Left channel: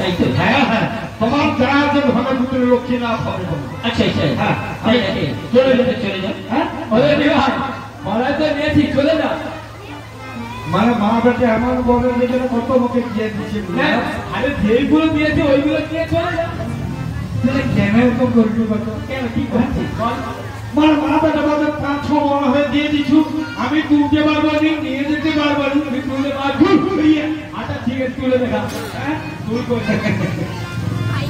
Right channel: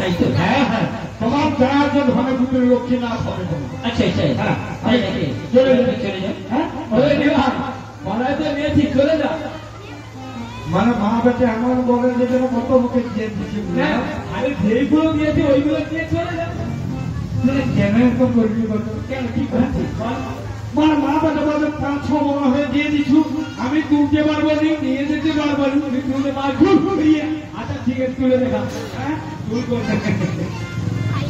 তাই তো? হ্যাঁ হ্যাঁ, তোমার যা আছে ঘরে ভিতরে লক্ষ্মী না হবে। আচ্ছা আচ্ছা, হ্যাঁ চলে যাবে চলে যাবে। হ্যাঁ, নিয়েছি চলে যা। মানে মা বেটে এমন বলে যে কত মুখে দিয়ে দিচ্ছে। আরে যেইগুলো দিয়েছি ওইগুলো দিয়ে চলে যা। কেন এরকম করবি? কেন কি করছিস? মানে মা বেটা বলে 5-6 মনে হয়ে দিয়ে দিছু, আমি তুলতে পারবো নি, নিয়ে যেতে পারবো নি, তুই তুলে পারবি? আচ্ছা ঠিক আছে, তুলে দেখা। হ্যাঁ, তুই করবি।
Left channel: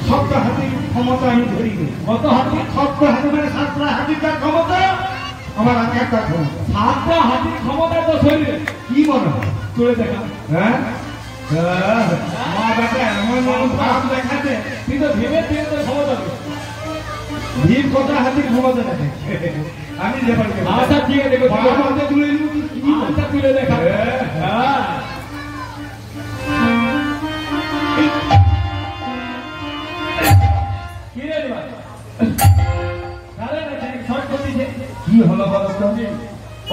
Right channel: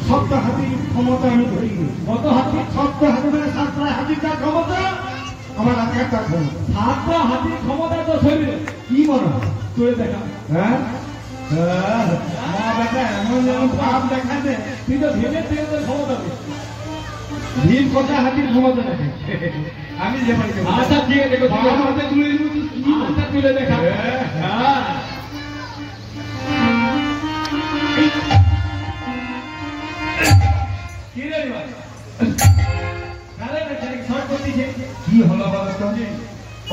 সপ্ত হাতির ক্ষমতা আমি ধরিনি। কত হাতি? সপ্ত হাতি মানে 7টা হাতির যা ক্ষমতা, আমার আর একটা ক্ষমতা। 7টা হাতির ক্ষমতা তো শরীরে। কি মনে হয়? তুলে দেখা। হ্যাঁ, মা বেটা এমন এমন ভাব দেখাতে, তুই তো ভেবে থেকে তো ক্ষমতা পেয়েছিস। ভীম কটা হাতির ক্ষমতা দেখাচ্ছে। আমি যে পারি। আচ্ছা ঠিক আছে, আমাকে তুলে দিবি কি? আচ্ছা তুলে দেখা। হ্যাঁ কি রে ভাই? গালে না খালি সব করতেছে। কি হলো বলো তো?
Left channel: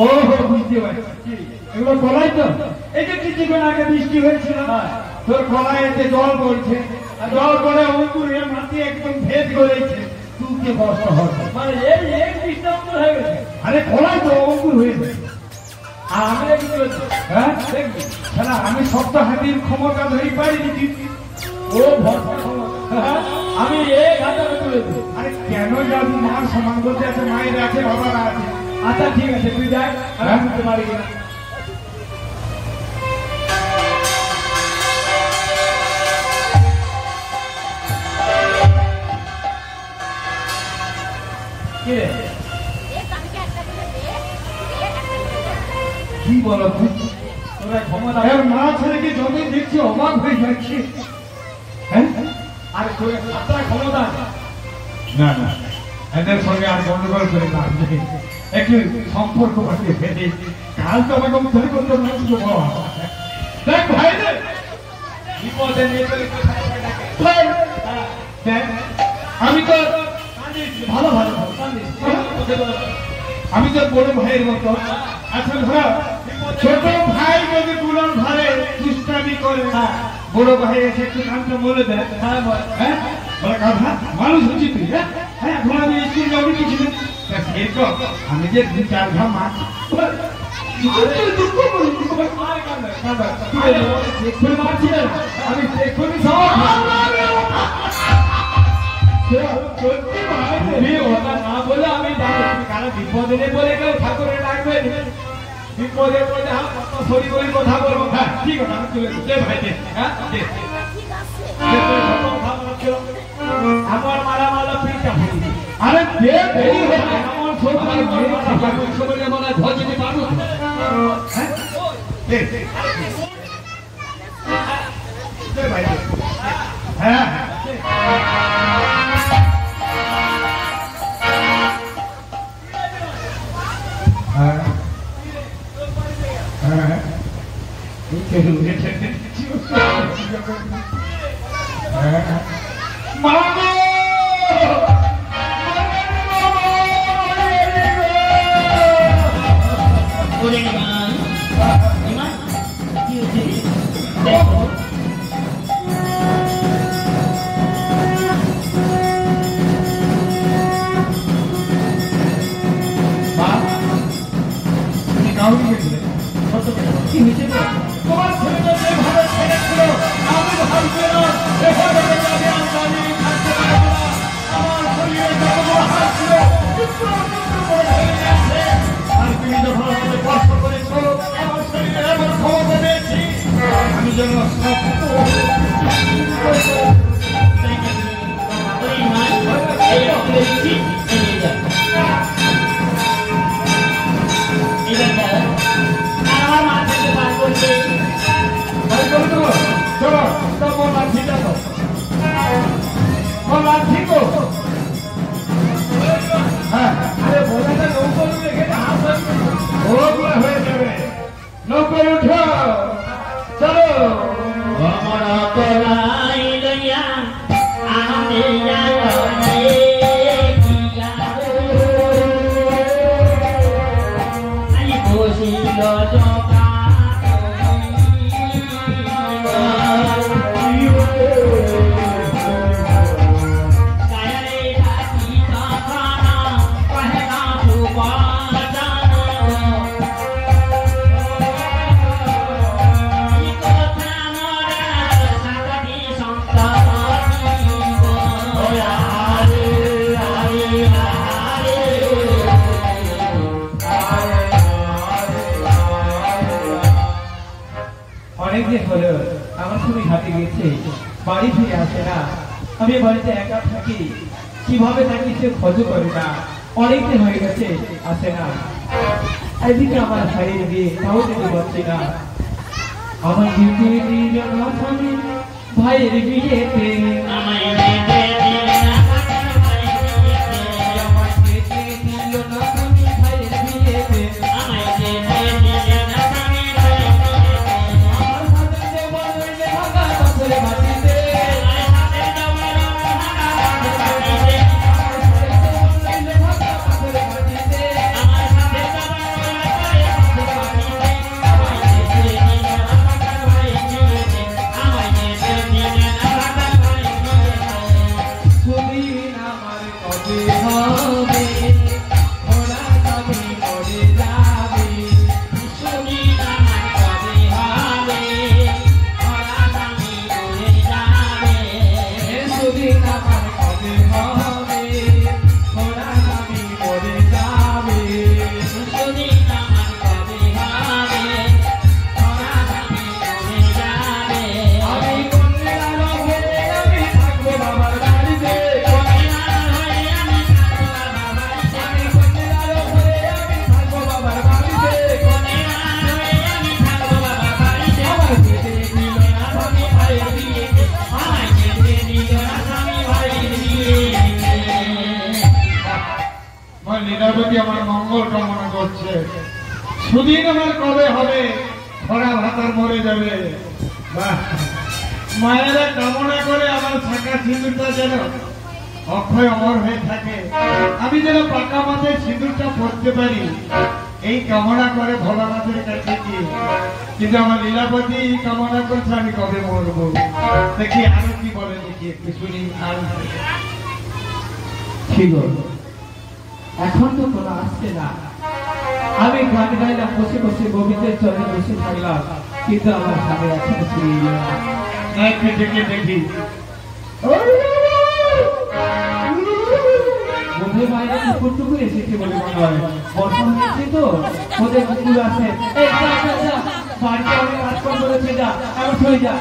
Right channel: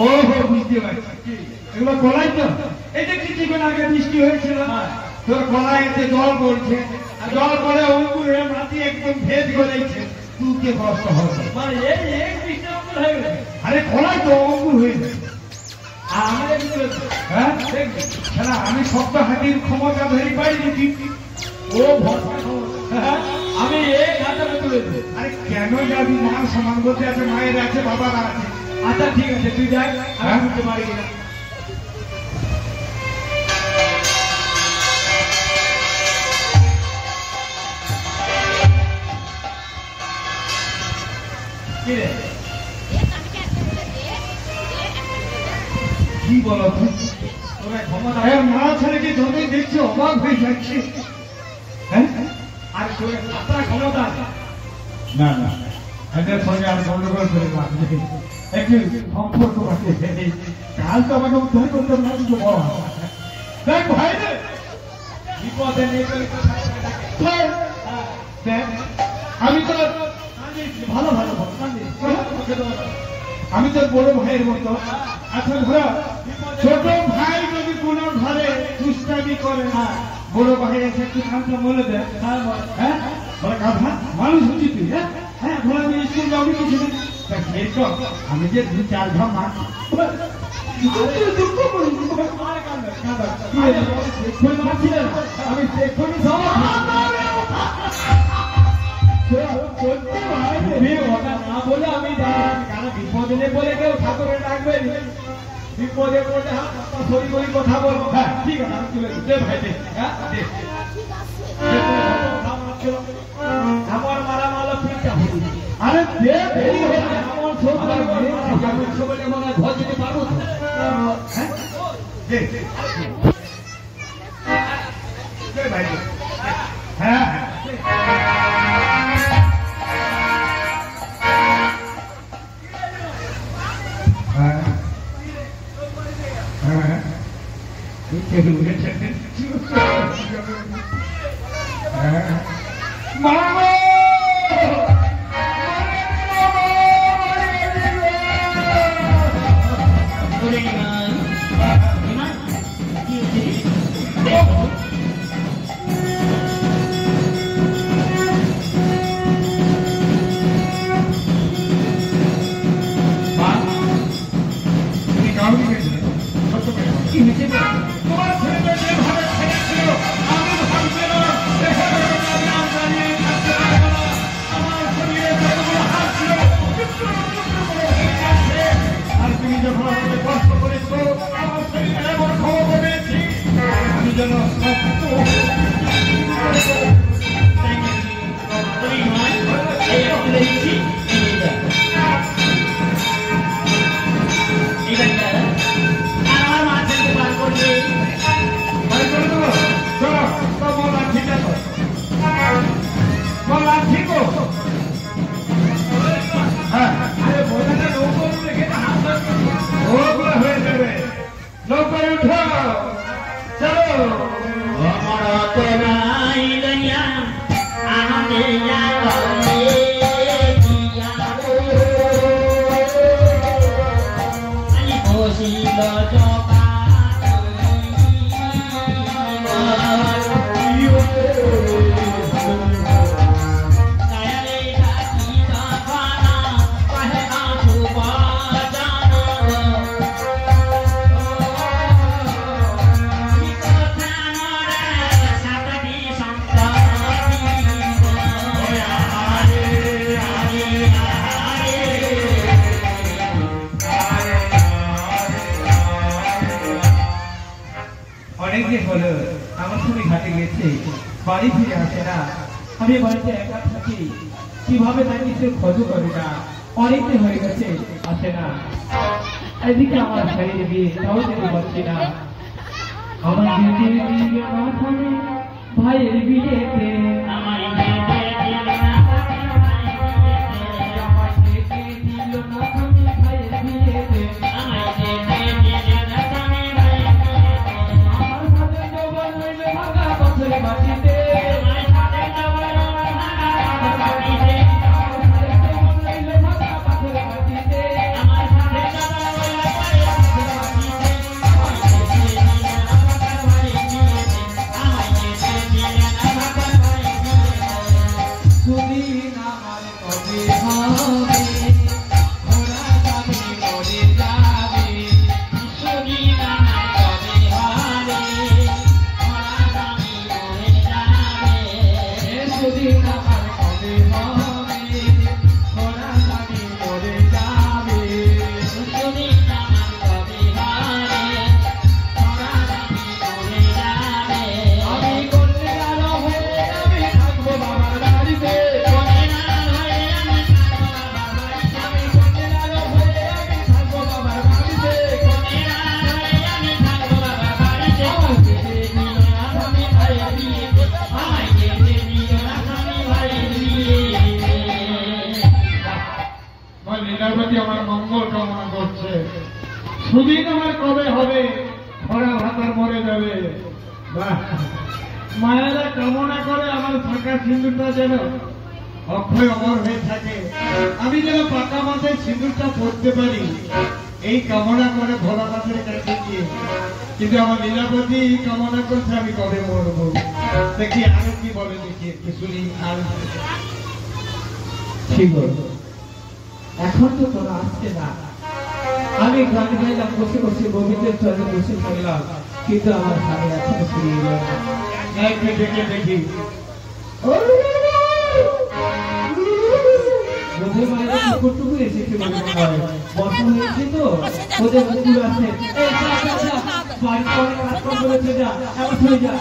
ও হো, বুঝতে পারছি। এগুলো কলাই তো? এই যে কিছুক্ষণ আগে বৃষ্টি হয়েছিল, তোর কলাই এতে জল পড়ছে, আর জল পড়ে অঙ্কুরে মাটি একদম ভেদ করেছে, তুকে কষ্ট হবে। মানে এই ডিস্টার্ব হয়ে গেছে। আরে কলাই তো অঙ্কুর হয়েছে। আর আমাদের কি বলেছে? হ্যাঁ, দেখবি না আমি সপ্ত হাতির ক্ষমতা ধরি পারিনি কিন্তু। ও ভরসা ক্ষমতা। আমি এই ঘাটাকে তুলে দেবো। আরে কেন যাবি? মার সমান বলতে আছে, মায়ের আছে, বাবার আছে। আচ্ছা ঠিক আছে, তুই দেখ আমি বুঝতে পারি কিনা। কি রে? কি বলো তুই? তোরা ক্ষমতা এর মা ছেলেকে যতই দেখছি অবাক হয়ে যাচ্ছে। হ্যাঁ, আর তোর সাতটা ক্ষমতা আছে। না না, এদের সঙ্গে আর গন্ডগোল করে কাজ নেই, একটু সম্পর্ক বাড়িয়ে ফেলে। কাল তো আমাকে উদ্ধার করতে না কিছু বলা। দেখ ভাই রে, বিপদে নিয়ে চলে কোথায় থেকে ডাকে। দেখ আমি তো ভালো ভালো ভালো কান্দিস। আমি তো বড় ভাইয়ের মতো। আচ্ছা ধরো, ছোট ভাই যদি কোনো ঘরে দুষ্টামি করে, বড় ভাই এসে একটু নামটা বলে দেয়। হ্যাঁ, বলে কথা মানুষ হচ্ছি তুই। হ্যাঁ হ্যাঁ, ধর আমি স্কুল যাবি কিছু দিন, আমি যে 2-4 ঘা মাছ আমি দেখুনি সব না বলে আমি জানি কারণ বিপদে নেই বলে কেউ ঠাকুরের ডাকবে। বিপদে বলে সরি বলি কথা বলবো। হ্যাঁ ঠিক আছে, আমি তুলে দে ভাই দে। হ্যাঁ দে। আমার মারা মালা পিঠটা ভুল। আরে দে দেরি আমার হয়ে ছোটলে বলা ধর যদি পারো। দে দে ভাই দে। হ্যাঁ হ্যাঁ হ্যাঁ, মামা কি হয়েছে? তোমার ছেলে ভাবে ছেড়েছিল, আমি ভাবছিল আমার বাড়ি ফিরে আসে না। আমি বাড়িতে একা থাকি, কিভাবে থাকি সে খোঁজ করি না। অনেকদিন হয়ে গেছে আসে না। এদিকে আমার ভাইয়ের বিয়ে, তাও যেতে পারছি না। আমার বিয়ে দিল না স্বামী ভাইয়ের বিয়েতে, আমার যেতে দিল না স্বামী ভাইয়ের বিয়েতে, আমার সাথে দেওয়া রইলে ভাঙা পাথরে মাটিতে, সুদিন আমার কবে হবে, খরা ভাতার মরে যাবে। মায়েরা কামনা করে আমার থাকা সিঁদুরটা যেন অক্ষয় অমর হয়ে থাকে, আমি যেন পাকা মাঝে সিঁদুরটা পড়তে পারি, এই কামনা করে ভোলানাথের কাছে গিয়ে। কিন্তু আমার লীলাবতী কামনা করছে আমি কবে মরবো। দেখি আরো কি বলে, দেখি একটু শুনি। আর ঠিক এখন তো কোনো আসছে না। আমি গান গাইলাম, বসে বসে গোবিন্দের চরণে বসে থাকলাম, কিন্তু আমার স্বামী এখনো ফিরে এলো না। নাইকে ডেকে দেখি বন্ধু বাইরে কুকুর টুকুর এসেছে বলে মনে হয়। বর্ষা হয়েছে তো, ওদের কুকুর আছে। এই যা যা যা, বাড়িতে অনেক কাজ কম করেছে, যা এমন হয়ে যা।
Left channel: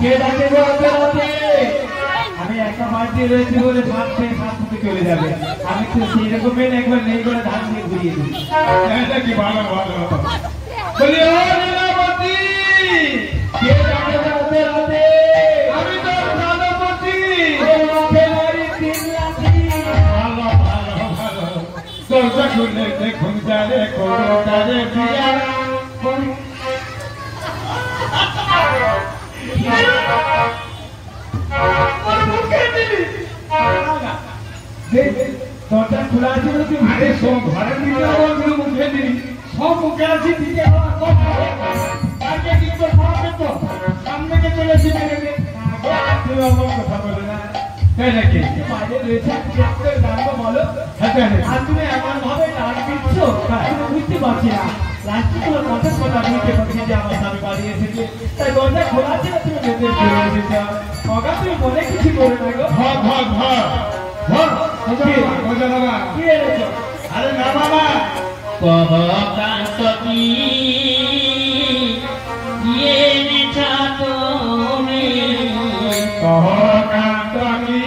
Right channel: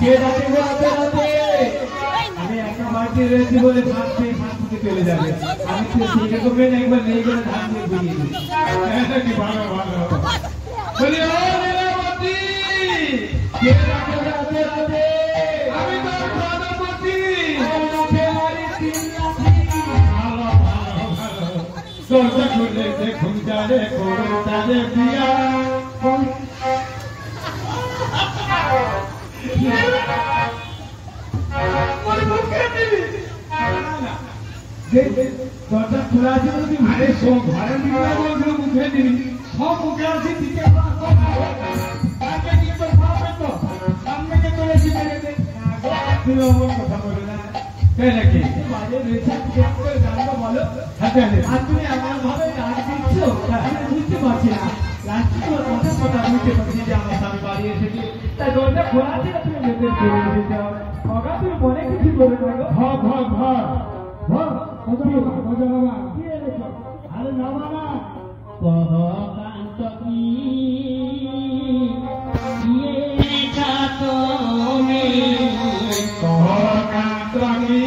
কে ডাকে গো রাতে রাতে? আমি একটা বাড়িতে রয়েছি বলে ধান খেয়ে সাথে চলে যাবে। আমি তো সেই রকমের একবার নেই করে ধান দিয়ে ঘুরিয়ে দিই। এটা কি ভালো ভালো বলি, ও লীলাবতী, কে ডাকে গো রাতে রাতে? আমি তো প্রাণপতি। ভালো ভালো ভালো, দরজা খুলে দেখুন যারে করো তারে বিয়া। দরজা খোলা আছে বলে তুই আরে সব ঘরের ভিতরে বলছিল মুখে দিবি, সব মুখে আছে দিতে হবে, সব ঘরে। আগে কিন্তু খাওয়াবে তো, সামনে কে চলে এসে দেখে তুমি অমন কথা বলো না। তাই নাকি? বাইরে রয়েছে, দেখতে দাঁড়াবো বলো। আর তুমি এমন ভাবে ডাক দিচ্ছ, আমি বুঝতে পারছি না। লাস্টে তোমার কথা বুঝতে পারছি যে আমার স্বামী বাড়ি এসেছে, তাই দরজা খোলা আছে না, তুমি ভেতরে চলে এসেছো। অগা তুমি মনে কিছু করে না গো। ভাগ ভাগ ভাগ ভাগ, কি? মজা বাবা। কি এনেছো? আরে না বাবা, কহকান্তী এনেছা তুমি, কহকান্তী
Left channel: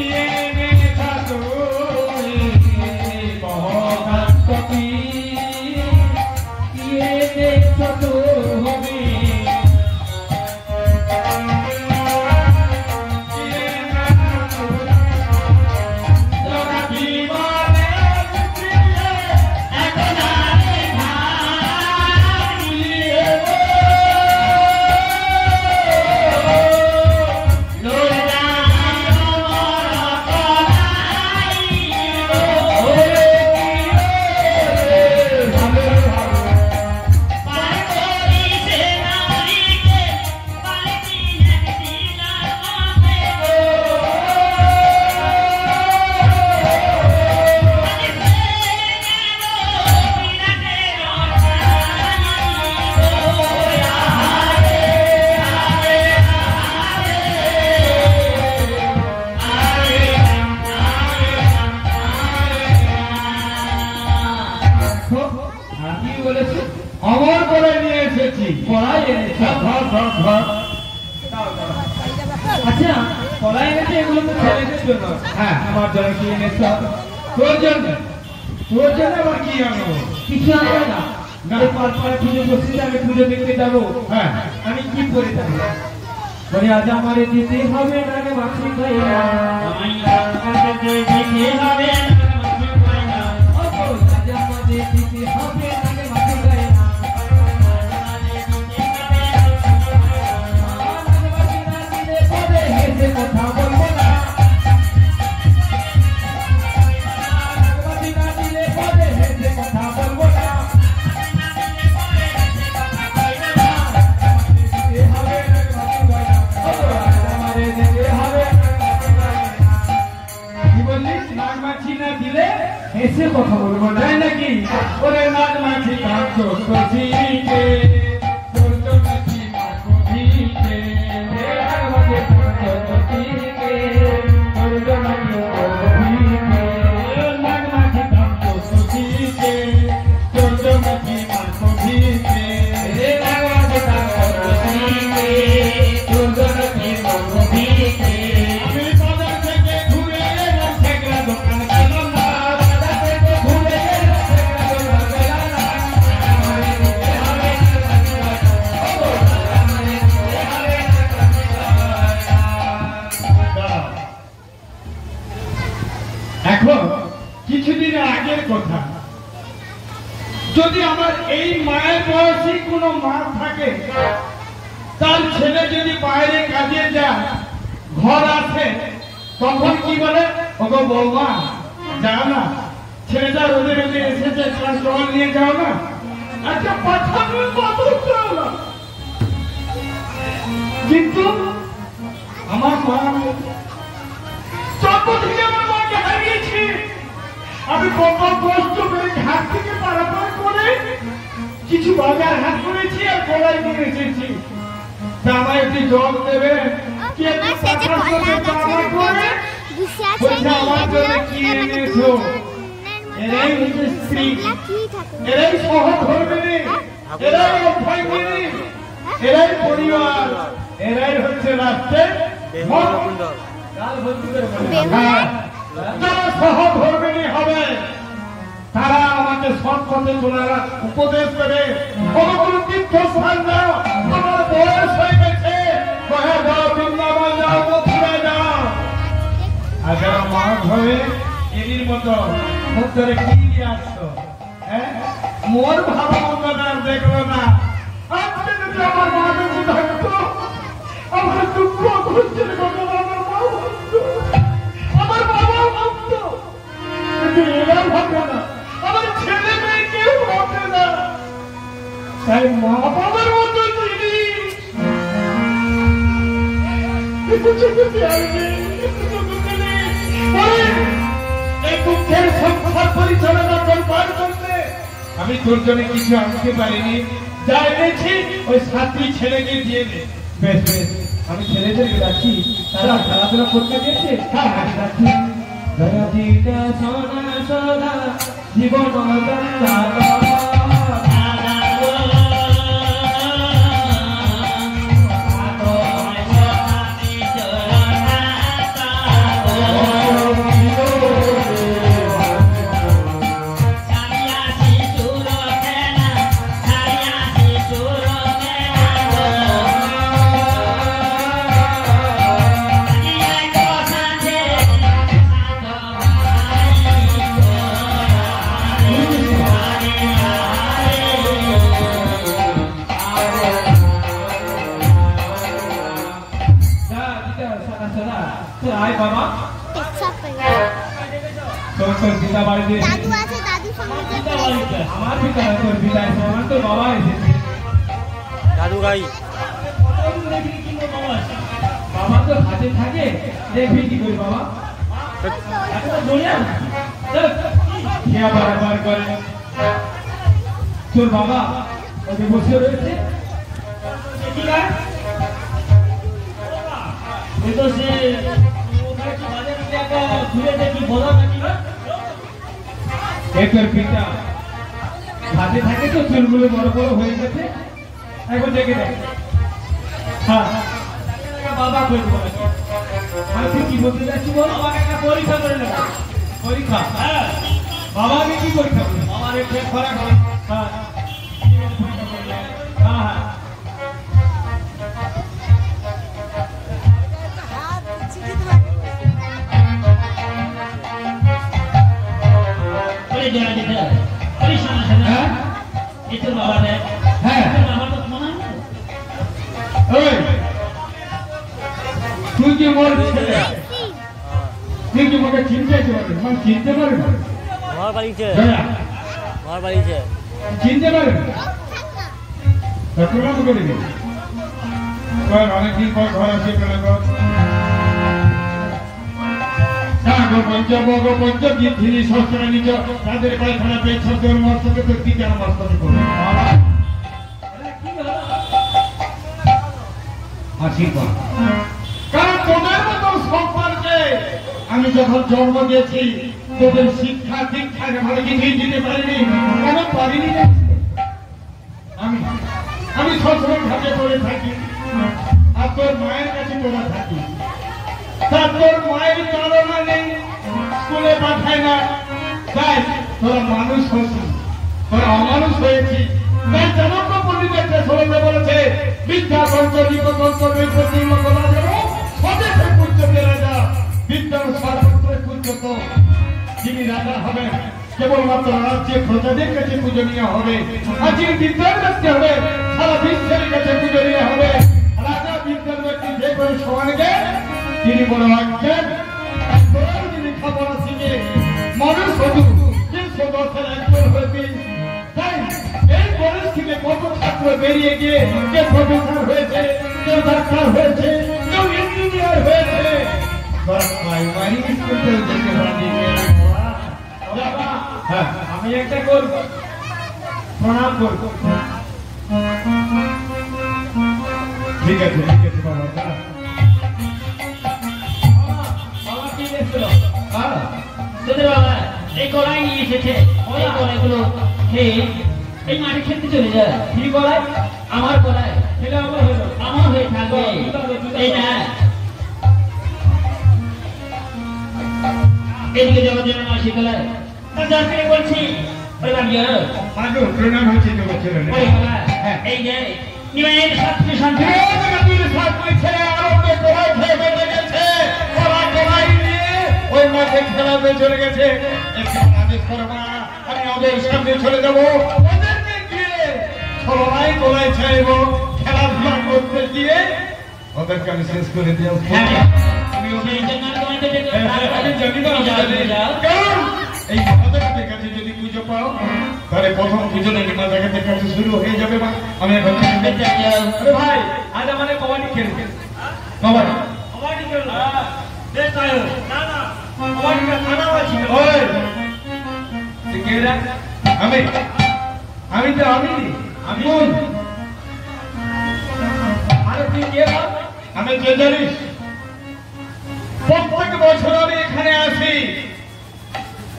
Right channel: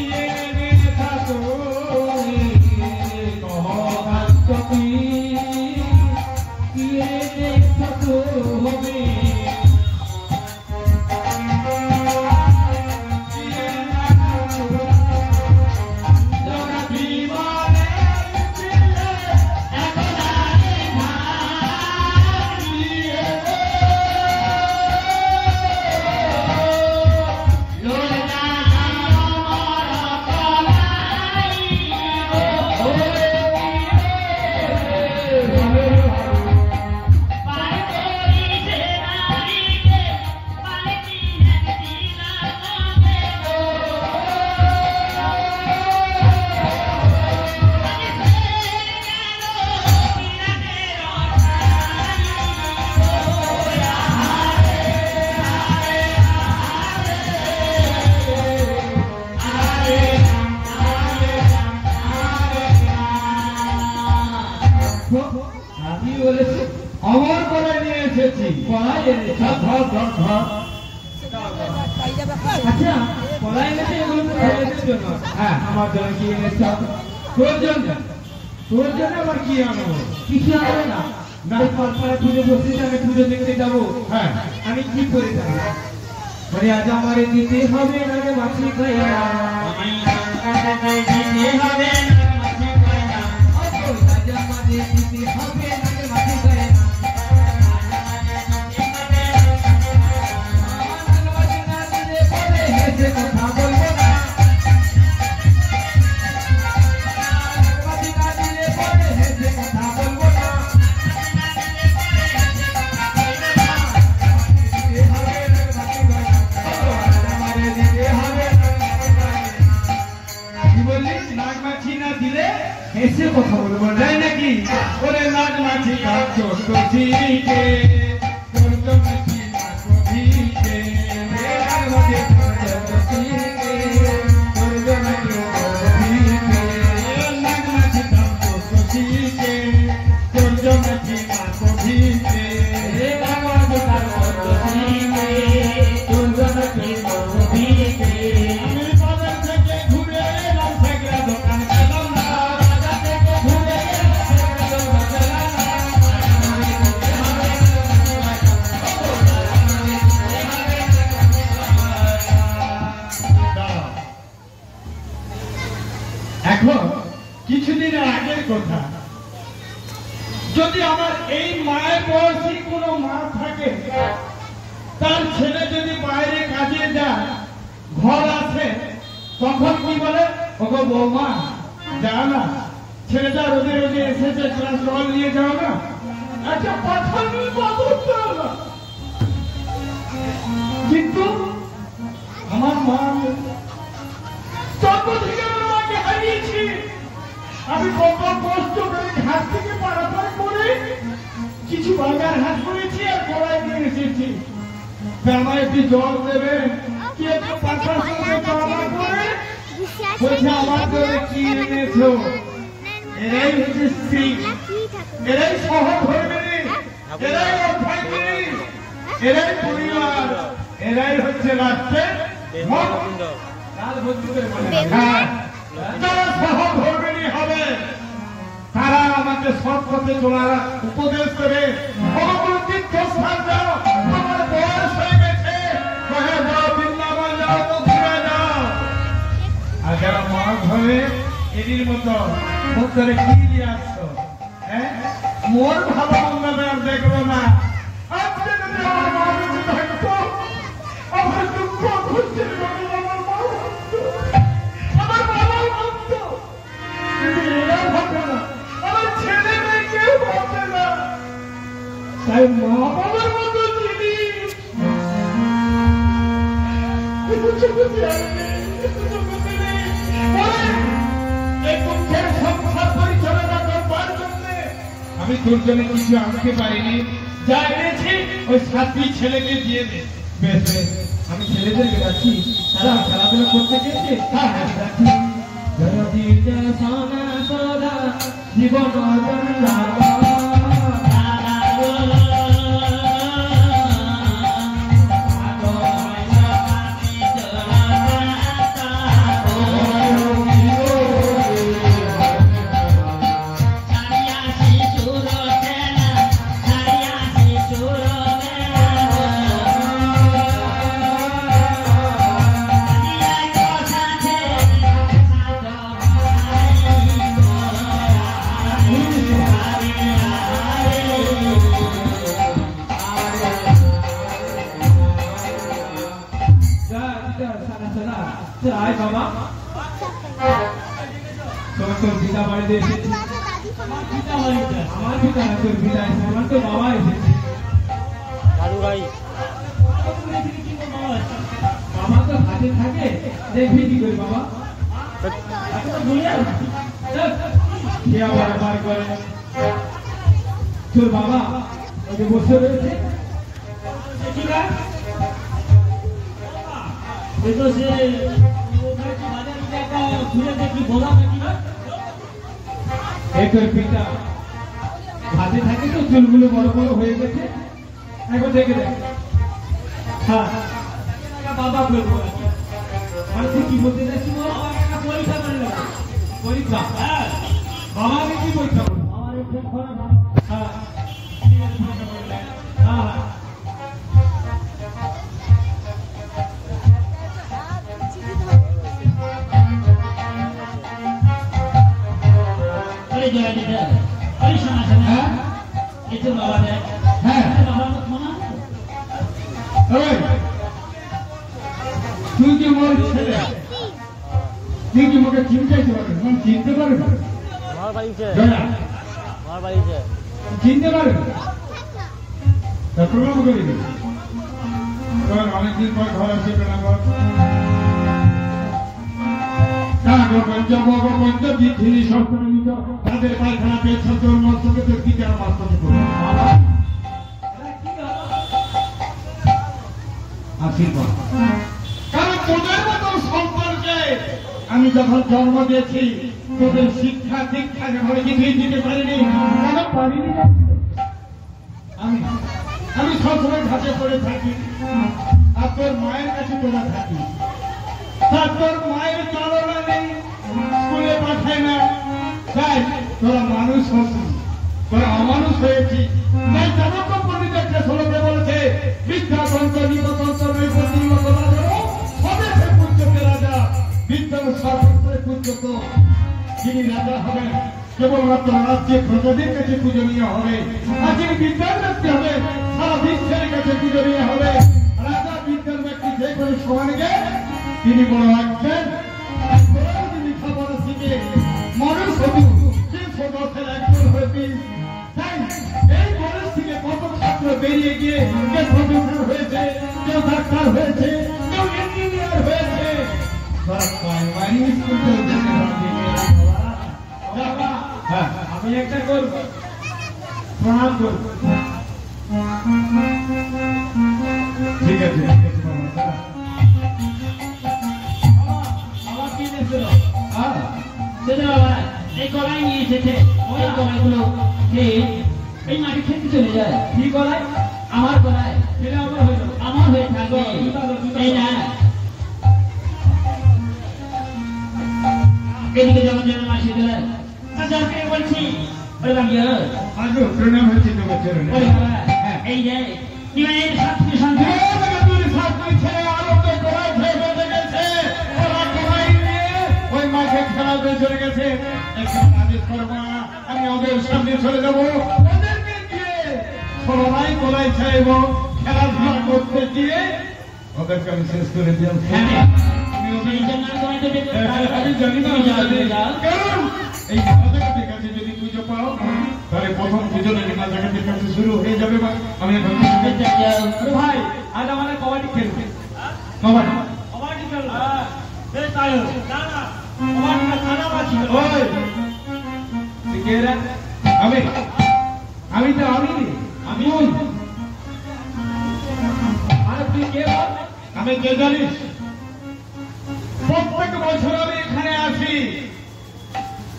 এনেছা তুমি, কহকান্তী এনেছো তুমি, বিমানে এখন এসেছি কলাই এনেছে। ধর ধর ধর আচ্ছা কলাই এনেছে, এগুলো তো ছেলেদের জন্য। হ্যাঁ আমার জন্য কি এনেছে? তোর জন্য তোর জন্য আবার কি আনবো কিছু আনবে না? না। এই পাড়পাড়ায় পুজো বসেছে, আমি পুজো দেখতে যাবো। হ্যাঁ আমি কি করে যাবো? বলে আজ আমার দিতে হবে না রে মাছি খাই না। দিতে হবে আজ আমাদের দিতে হবে না রে মাছি খাই না। হেসে কথা বলবো না। হেসে কথা বলবো না। কি বললি নাগ মাছি না দিলে হেসে কথা বলবো না। তাই নাকি ওরে নাগ মাছি কাজ করিতে তোর জন্য কি মাছ দিতে নাগ মাছি কাজ করিতে তোর জন্য কি মাছ দিতে আমি বাজার থেকে ঘুরে এলাম সেগড়া দোকান পেলাম না এখন কিছুদিন আগের কথা, যদি আমার এই মায়ের বয়সী কোনো মা থাকে, তার ছেলে যদি বাইরে কাজে যায়, ঘর আসে, তখন কি বলে, ওগো বৌমা যাও না, ছেলেটা রোদে রোদে এসেছে, ক্লাস জল নিয়ে যাও না, আচ্ছা পাঠানোর বাবু যাও না। কিন্তু আমার মা জন্ম থেকে আমার মাকে হারিয়েছি। আমি কত কষ্ট করে ঘাট থেকে পারাপার করে কিছু বাজার হাট করেছি আর কড়াই নিয়ে এসেছি। তা আমায় একটু জল দেবে? কে টাকা করে বাবা করে বলছে আমার জন্য কি এনেছো? এরাই হচ্ছে স্ত্রী, এরাই সহধর্মিণী, এরাই অভ্যাগিনী, এরাই পরিবার, এরাই হচ্ছে রাষ্ট্রের মঙ্গল। কাল বলতে করে বলে হ্যাঁ, যারা সহধর্মিণী হবে তারা আমাদের সৎপথে চলার উপদেশ দেবে। কোনো তীর্থস্থান যাও, তোমার বয়স হয়ে গেছে, কোথায় যাও, বৃন্দাবন যাও, মথুরা যাও। আর যারা মা ঘরে এদিন মতো মুখ করে কি নিয়ে আসছো, হ্যাঁ, মোর ভালো মন্দ আর দেখলো না। আজকে যদি আমার মা বেঁচে থাকতো, আমার দুঃখ ঘুরছে, আমার মা ভাবতো, আমার বাবা ভাবতো, কিন্তু এরা ভাববে না, আমার ছেলে মেয়ে কেউ ভাববে না। তাই মা বাবার মতো জিনিস এই দুঃখের সংসার পরিচালনা করবার জন্য আমি তোর জন্য কিছু আনতে পারিনি, যা এনেছি ওই সাথী ছেলেকে দিয়ে দে। বেশ বেশ, আমি ছেলেদেরকে রাখি, তারা খেলাধুলা করতে গেছে। হ্যাঁ, আমি রাখি। ধরতিটা সোনা সোনা জীবন চালা। আয় বাবা, তোর পিতা বাড়িতে এসেছে। আমার পিতা না, তোর পিতা এসেছে, আমার তোর বাবা এসেছে। দাদু ভাই আমার তো হাতে থাকে, দেখবি কি করি বাবা? কে আবার আবার করে তোর বাবা ওকে বসে রয়েছে। তোর পিতা হাতে থাকে তো চুলগুলো বড় বড় হয়ে গেছে, এখন দেখে দেখ। হ্যাঁ বাবা বলবো আর তুই কি বলতে চাচ্ছি বল? আমার একটা পরীক্ষা করে নেব। পরীক্ষা? হ্যাঁ, বাবা আমি কি পরীক্ষা করি? আমার একটু খরা হয়। হ্যাঁ ঠিক আছে, পরীক্ষা করলে। হ্যাঁ হ্যাঁ ওরে জয় দিদা ওই শোনা শোনা হ্যাঁ এই তোর বাবা দেখ হ্যাঁ তোর বাবার তো মনে হয় ওই তুই কি মোর ছেলে? তুই কি মোকে চিনতে পারবি? মানে চিনতে পারবি? আমার বাড়িতে জয়া আমার বাড়িতে চিনতে পারবি? চট্টগ্রাম করে দিবি। অনেকদিন পর ঘর আসে পেলাম। পঞ্চভোগ পঞ্চগীতি শস্ত্র নিচ তাদের পায়খানা পেছন তোর মস্তকে তোর কি যেন মস্তকে করবে আশীর্বাদ। কারণ তোদের মতো সম্পর্কে আমি যখন জন্ম দিয়েছি তোদের শিক্ষা দীক্ষা ভালো কিছুই দিতে পারিনি কেন পারিনি রে? আমি সবসময় ঘাটে পড়ে থাকি আর তোর মায়ের কাছে তোরা থাকি তা তোর মায়ের চলনা নেই স্কুলে পাঠায় না তাই তোরা মানুষ হচ্ছিস তোরা অমানুষ হয়েছিস তাই চাণক্য পণ্ডিতের শোনাতে বলেছে বিদ্যা পঞ্চলিক তন্ত্র নৈপতির মতো রাজারও স্বদেশে পূজ্যকে রাজা বিদ্যার সর্বত্রে পূজ্যত যিনি রাজা হবেন কেবলমাত্র রাজ্যে প্রজাদের কাছে পূজনীয় হবে আর যিনি বিদ্যার ব্যক্তি হবে সারা বিশ্বের কাছে পূজনীয় হবে রাজা বিদ্যার ব্যক্তি যে কোনো সমাজে তিনি বড় আজ্ঞান যিনি খাবার শিখে মানুষ হবু যে সদস্যের একজন হবি তাই এই কলেজ থেকে কত ছাত্র বেরিয়ে গিয়ে কেউ প্রফেসর হয়েছে কেউ ডাক্তার হয়েছে কেউ ইঞ্জিনিয়ার হয়েছে প্রাইমারি স্কুল থেকে দেশে হ্যাঁ আমি একটা করব, প্রণাম করব। ঠিক আছে বাবা বাবা কি এসেছিল? হ্যাঁ তোদের বাবা এই কড়াই নিয়ে এসেছে ওই কড়াইগুলো খেয়ে এই মাটি খেতে চলে যায় কি করাই? আমার কড়াই ছেলে আমার হলো। আমার হয়ে থাকবে এই না এদিকে যাওয়ার জন্য আসি তোলা তাদেরকে বলছি এবার গিয়ে আজও প্রণাম হয়েছে তোমার ছেলে ওই বাবা এই যে নিয়ে শান্তি শান্তি আমি ওদের সামনে চলে যাবো ওদেরকে গিয়ে সবাই তোলাই চাইব খেলাধুলা করতে গিয়ে ওদেরকে আমি শেষ করে দিও আমি জানি না কারণ এই মাতাকাতের কাছে যদি পুজো পাও তাহলে প্রথম পুজো নাকি মাতাকাতের কাছে শুরু হয়ে যাবে আমি এখন আরে ভাই আজ আমাদের কবাডি খেলবে। বাবা কবাডি খেলবে? বেশ তাই হোক। না না কবাডি খেলা আছে। ওই তুই কে রে? আমি আমি তো আমি আমি আরে তুই কে বল? আমি কে জানিস প্রত্যেক বছর আমি এখানে আসি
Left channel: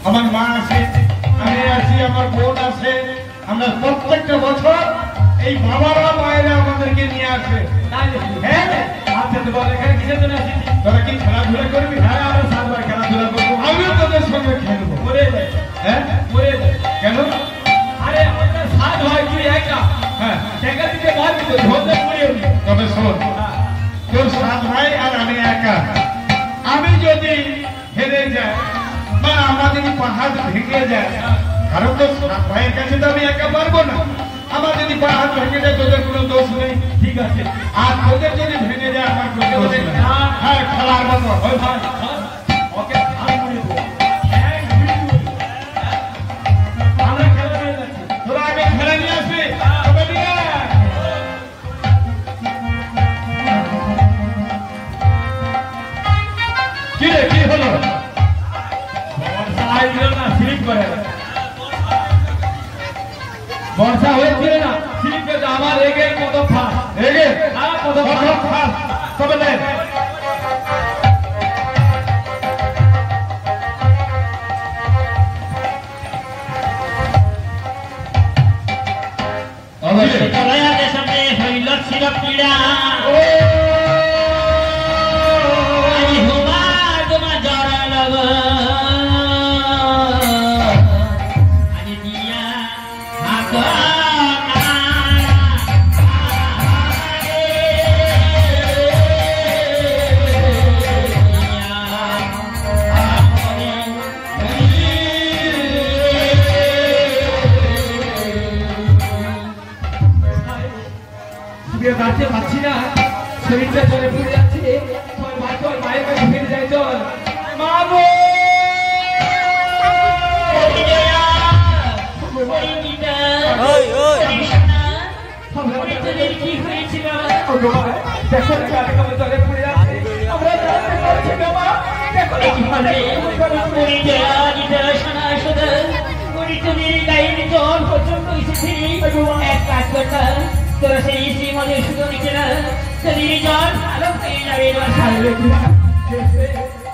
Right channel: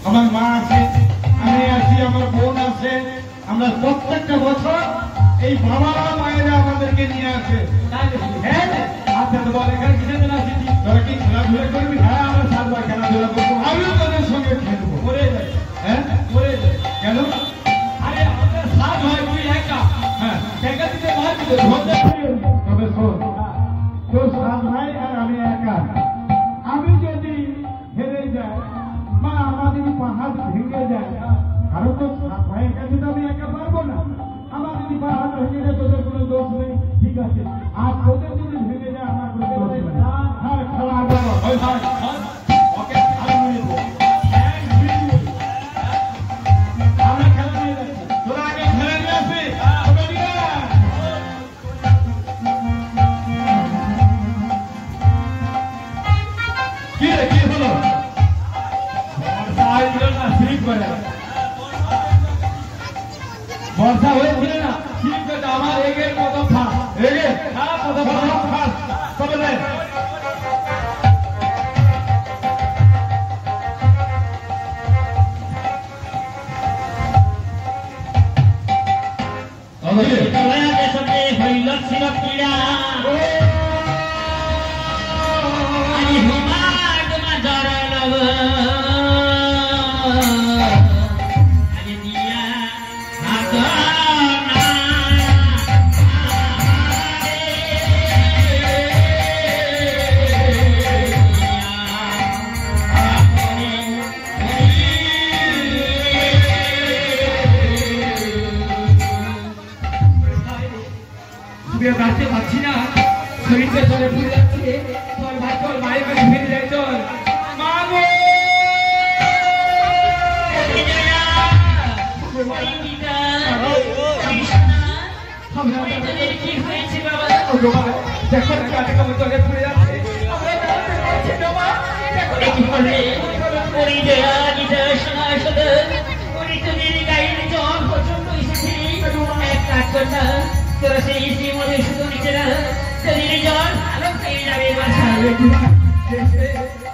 আমার মা আছে আমি আছি আমার বোন আছে আমরা প্রত্যেকটা বছর এই বাবারা মায়েরা আমাদেরকে নিয়ে আসে তাই নাকি? হ্যাঁ আচ্ছা তো বল এখানে কিসের জন্য আসিস? তোরা কি খেলাধুলা করবি হ্যাঁ আমরা সাতবার খেলাধুলা করবো। আমিও তোদের সঙ্গে খেলবো মরে যায়, হ্যাঁ মরে যায়। কেন আরে আমাদের সাত ভাই তুই একা। হ্যাঁ জায়গা থেকে বল কিন্তু ধরতে পারিনি। তবে শোন তোর সাত ভাই আর আমি একা আমি যদি হেরে যাই বা আমাদের যদি পাহাড় ভেঙে যায় কারণ তো সাত ভাইয়ের কাছে তো আমি একা পারবো না আমার যদি পাহাড় ভেঙে যায় তোদের কোনো দোষ নেই ঠিক আছে। আর তোদের যদি ভেঙে যায় আমার কোনো দোষ নেই হ্যাঁ খেলা আরম্ভ হয় ভাই ওকে আর মরে যাবো। এক মিনিট। আমরা খেলা নিয়ে যাচ্ছি। তোরা আগে খেলে নিয়ে আসবি তবে নিয়ে আয়। কি রে কি হলো বর্ষা হয়েছিল না স্লিপ করে। বর্ষা হয়েছিল না স্লিপ করে আমার এগের মতো ফাঁস। রেগে হ্যাঁ কত প্রথম ফাঁস তবে নে কড়াই আছে সামনে প্রিয় দাঁড়িয়ে পাচ্ছি না, শরীরটা জলে ভরে যাচ্ছে। চল ভাই চল, মায়ের কাছে ফিরে যাই চল। মা গো! দেখো দেখো আরেকবার জলে ভরে যাচ্ছে। আমরা দাঁড়াতে পারছি না মা। দেখো দেখো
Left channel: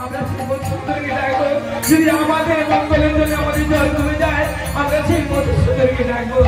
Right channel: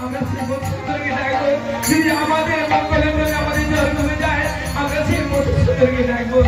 আমরা যদি আমাদের মঙ্গলের জন্য আমাদের জল কমে যায়, আমরা সেই মতো সুন্দরকে ডাকবো।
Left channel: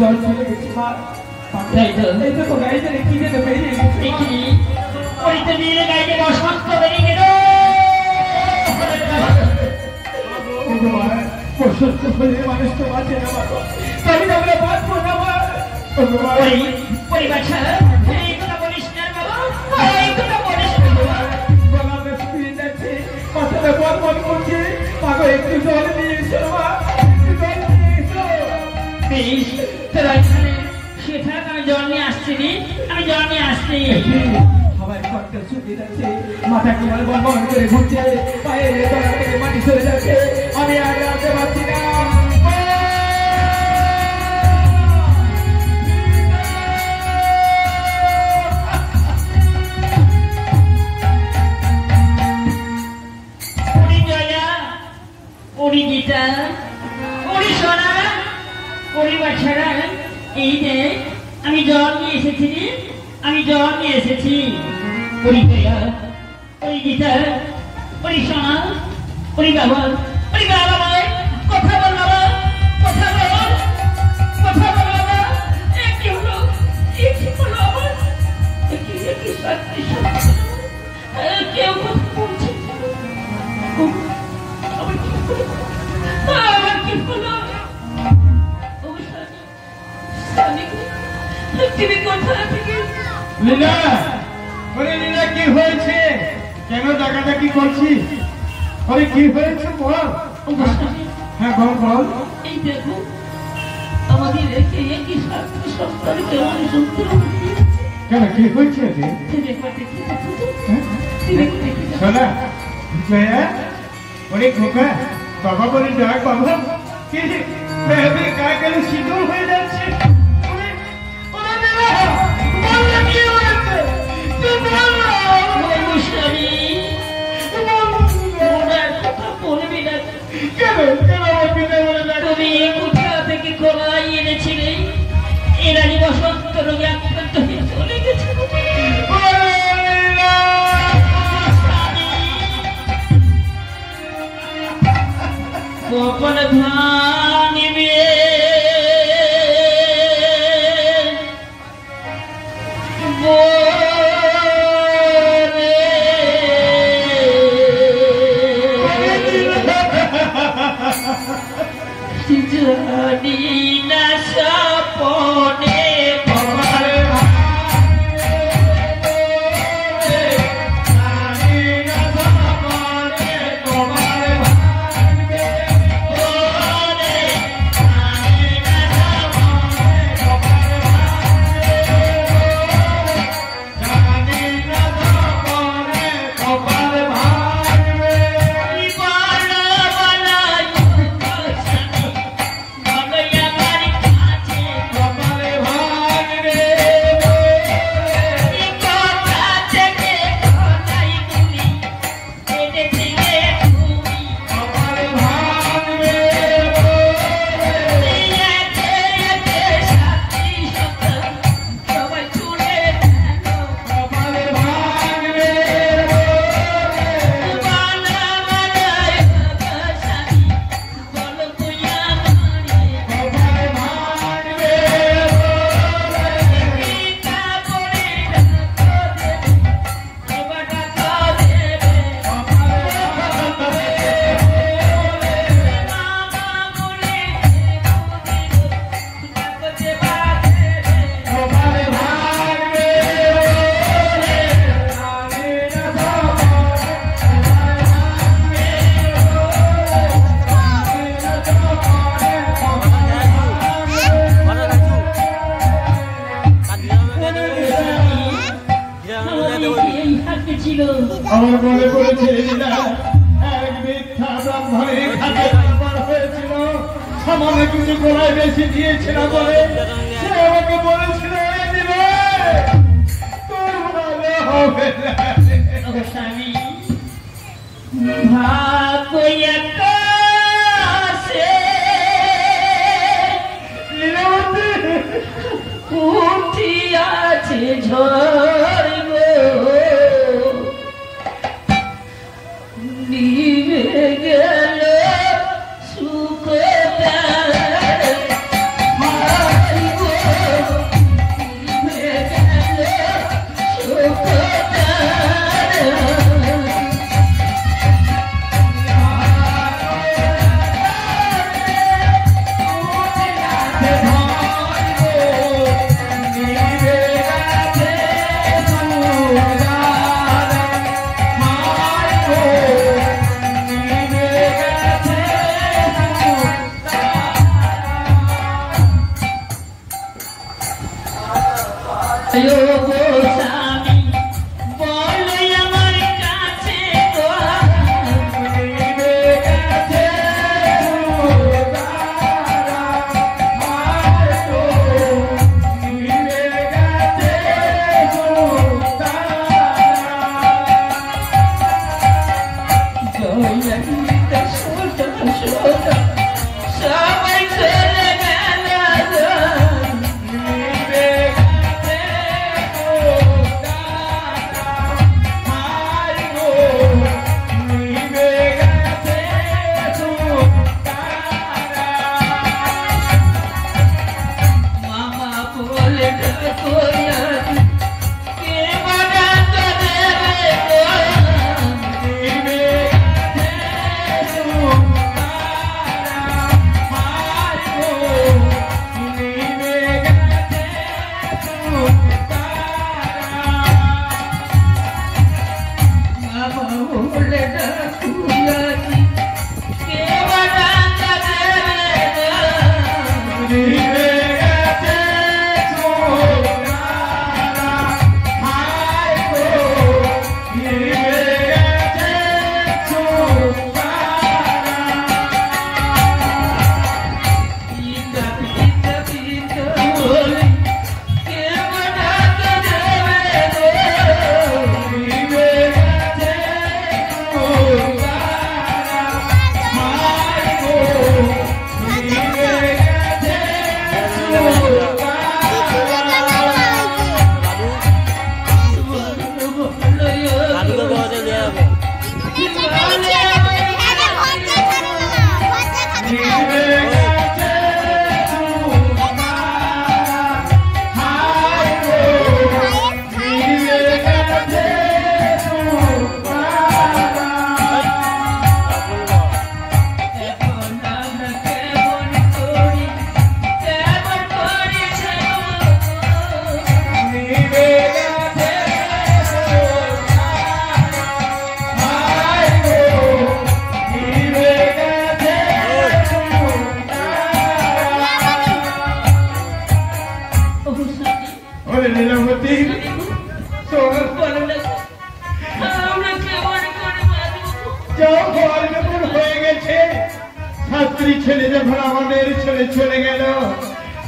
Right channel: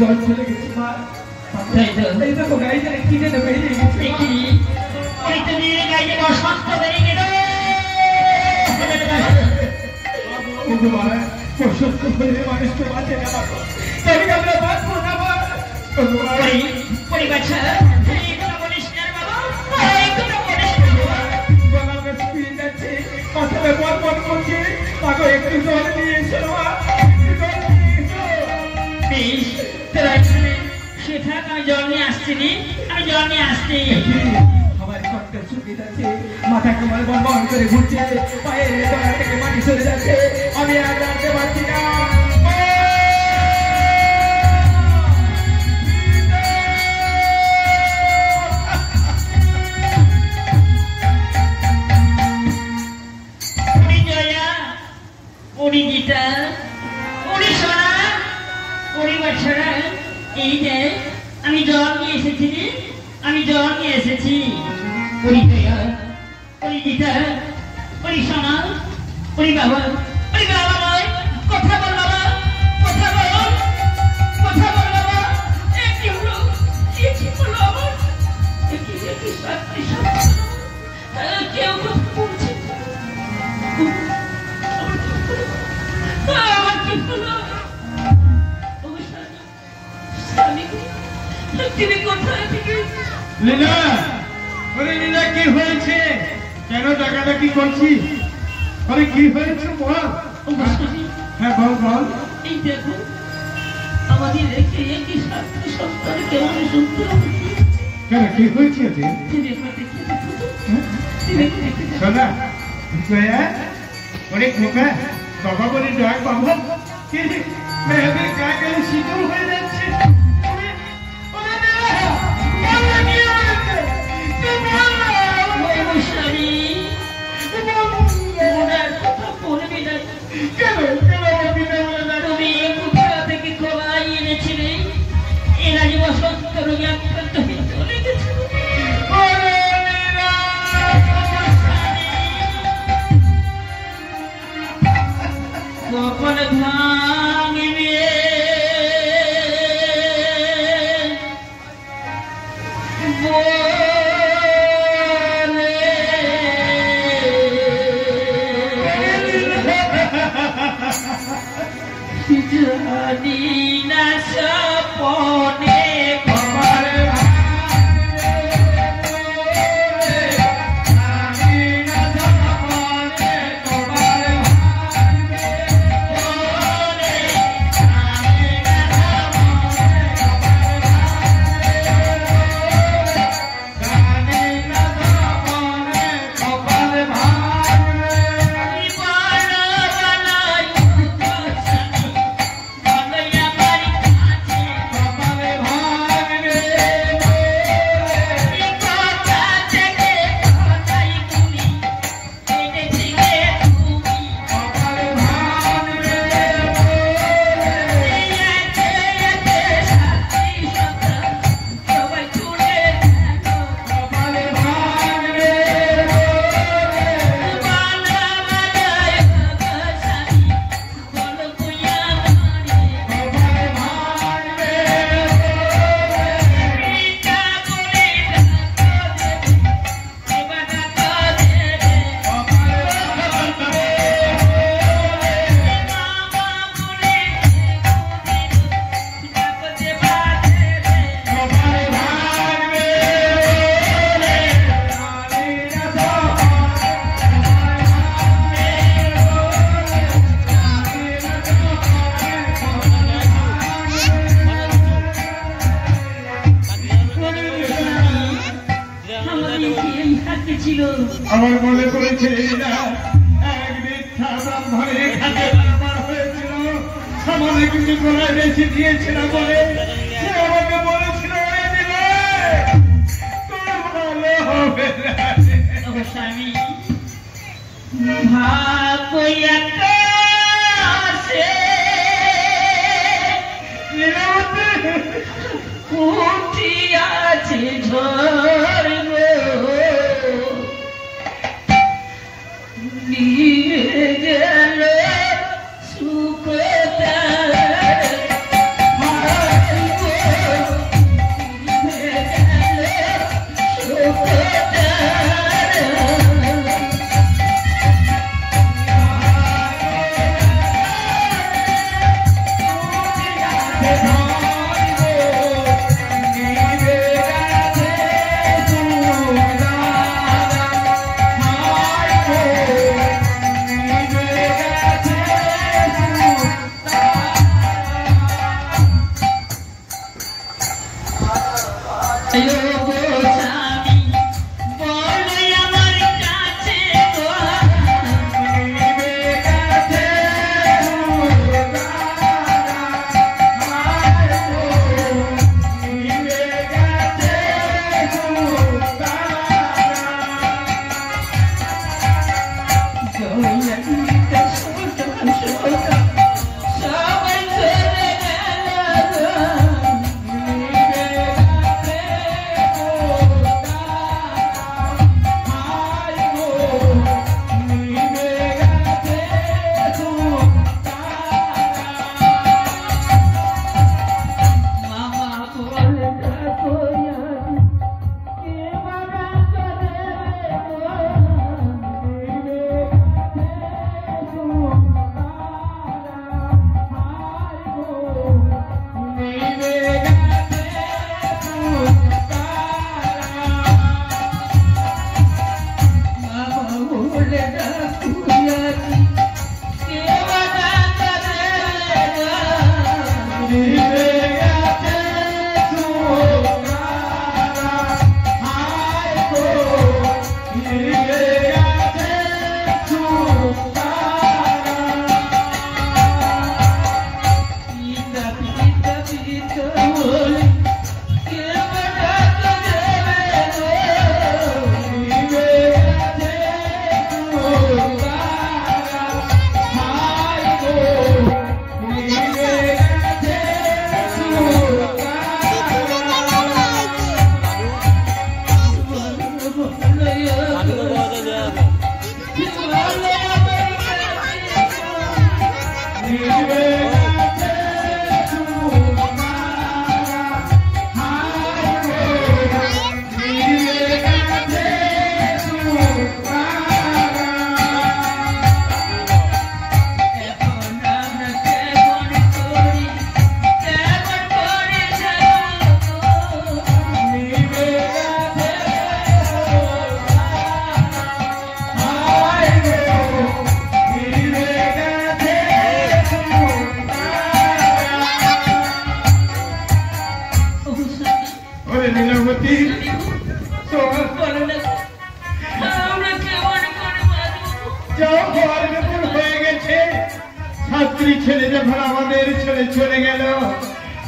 জল চলে গেছে মা। এই দেখো গাড়িটা কি যেন বেরিয়ে গেছে। মানুষকে বাঁচে না বাবা, তাই আমরা বাঁচবো না মা। মাথাটা বল বল করছে, মাকে একটু জল নিয়ে এসো মা, একটু জল নিয়ে এসো। আমি জল নিয়ে আসছি, আমি জল নিয়ে আসছি। সবাই কষ্ট ছুটি যাচ্ছে, মাথা তোমার বল বল করে ঘুরছে, পায়ের তলা থেকে মাটি সরে যাচ্ছে, আমি আর রাখতে পারছি না। এই যে আমি জল নিয়ে এসেছি, আমি জল নিয়ে এসেছি। ওই দয়া, ওই গীতা, ওই সোনা, ওই বাবা, ওই বাবা ভাই, কথা বল বাবা, কথা বল, কথা বল বাবা। কি হলো, কি হলো আমার? কি সত্যি সত্যি কেউ কথা বলছে না। আমার কি হলো? লীলা, বলে লীলা কি হয়েছে? কেন ডাকাডাকি করছিস? বলে কি হয়েছে বল। হ্যাঁ বল বল। এই দেখো আমাদের রেখে কি স্বাস্থ্য সংস্থানে কেমন সুস্থ কেন কি হয়েছে? শোনা জয়া, বলে খোকা বাবা বলে জয় বাবা, কি মেহেদির গায়ে গেলে সিঁদুর হয়ে যাচ্ছে। জানি না সপনে আমার মনে পড়েছে এক মিথ্যা ব্রাহ্মণে খাদ্য হয়েছিল, সামনে কিন্তু গোলায় বেশি দিয়েছিলাম বলে সে আমাকে বলেছিল তোর ভালো হবে স্বামী ভাগ্য উঠিয়াছে ঝড় নিয়ে গেল সুখটা হওয়ার ব্যাপার হয়ে গেছে। ছাত্রী ছেলে যখন আমাদের ছেলে চলে গেল,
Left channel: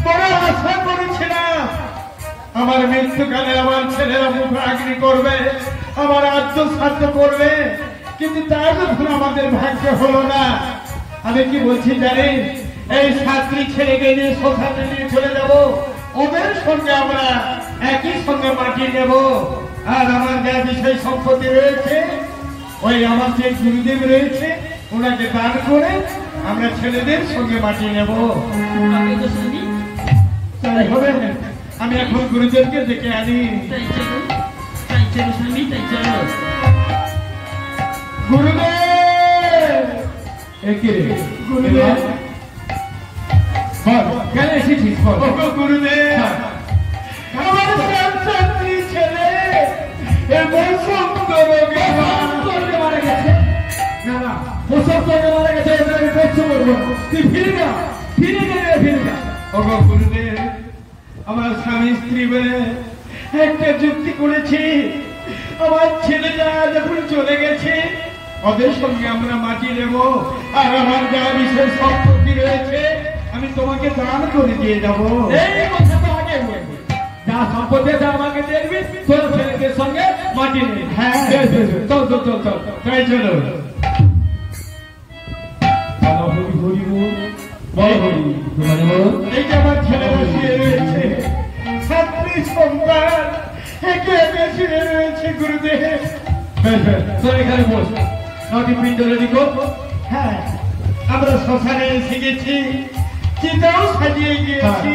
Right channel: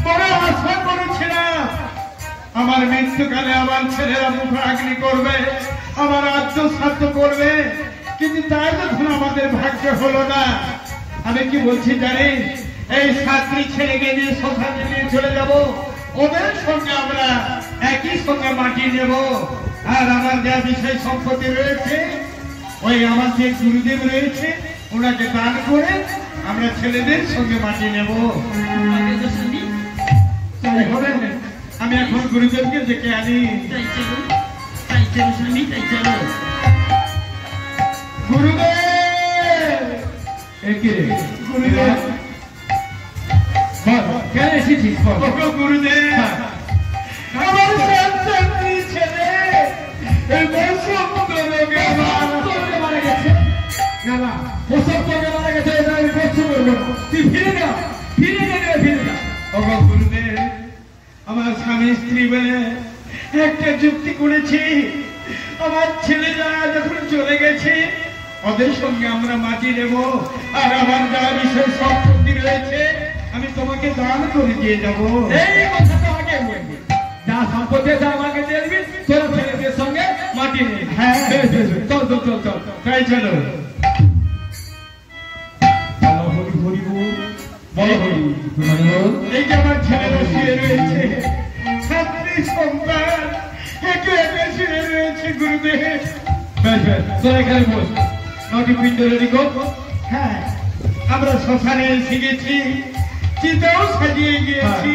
বড় আশা করেছিলাম আমার মৃত্যুকালে আমার ছেলেরা মুখ আগ্নি করবে, আমার আত্মসাধ্য করবে, কিন্তু তার যখন আমাদের ভাগ্য হলো না। আমি কি বলছি জানি, এই ছাত্রী ছেলেকে নিয়ে শ্মশানে নিয়ে চলে যাব, ওদের সঙ্গে আমরা একই সঙ্গে মাটি নেব। আর আমার যা বিষয় সম্পত্তি রয়েছে, ওই আমার যে গুরুদেব রয়েছে ওনাকে দান করে আমরা ছেলেদের সঙ্গে মাটি নেব। আমি তো শুনি, তাই হবে। আমি এখন গুরুদেবকে ডেকে আনি। তাই চলো শুনি, তাই চলো। গুরুদেব, একিরে গুরুদেব, বল কেন এসেছিস বল। ওগো গুরুদেব, আমার সন্তানটি ছেলে এই বসন্ত রোগে তোকে মারা গেছে না না, ওসব তোকে মারা গেছে, এটা আমি কষ্ট করবো না। তুই ফিরে যা, ফিরে যা। ওগো গুরুদেব, আমার স্বামী স্ত্রী বলে একটা যুক্তি করেছি, আমার ছেলেরা যখন চলে গেছে ওদের সঙ্গে আমরা মাটি নেব, আর আমার যা বিষয় সম্পত্তি রয়েছে আমি তোমাকে দান করে দিয়ে যাব। এই কথা তো আগে বলবি, যা সম্পত্তি আছে আমাকে দিয়ে দিবি, তোর ছেলেদের সঙ্গে মাটি নিয়ে। হ্যাঁ। চল চল চল চল। তাই চলো। হরি হরি বল, বল হরি হরি বল। এই যে আমার ছেলেরা শুয়ে রয়েছে, ছাত্রী সন্তান একে একে শুয়ে রয়েছে গুরুদেব। তোর এখানে বস, নটি পিণ্ড রেডি কর। হ্যাঁ, আমরা শ্মশানে এসে গেছি, চিতাও সাজিয়ে গিয়েছি।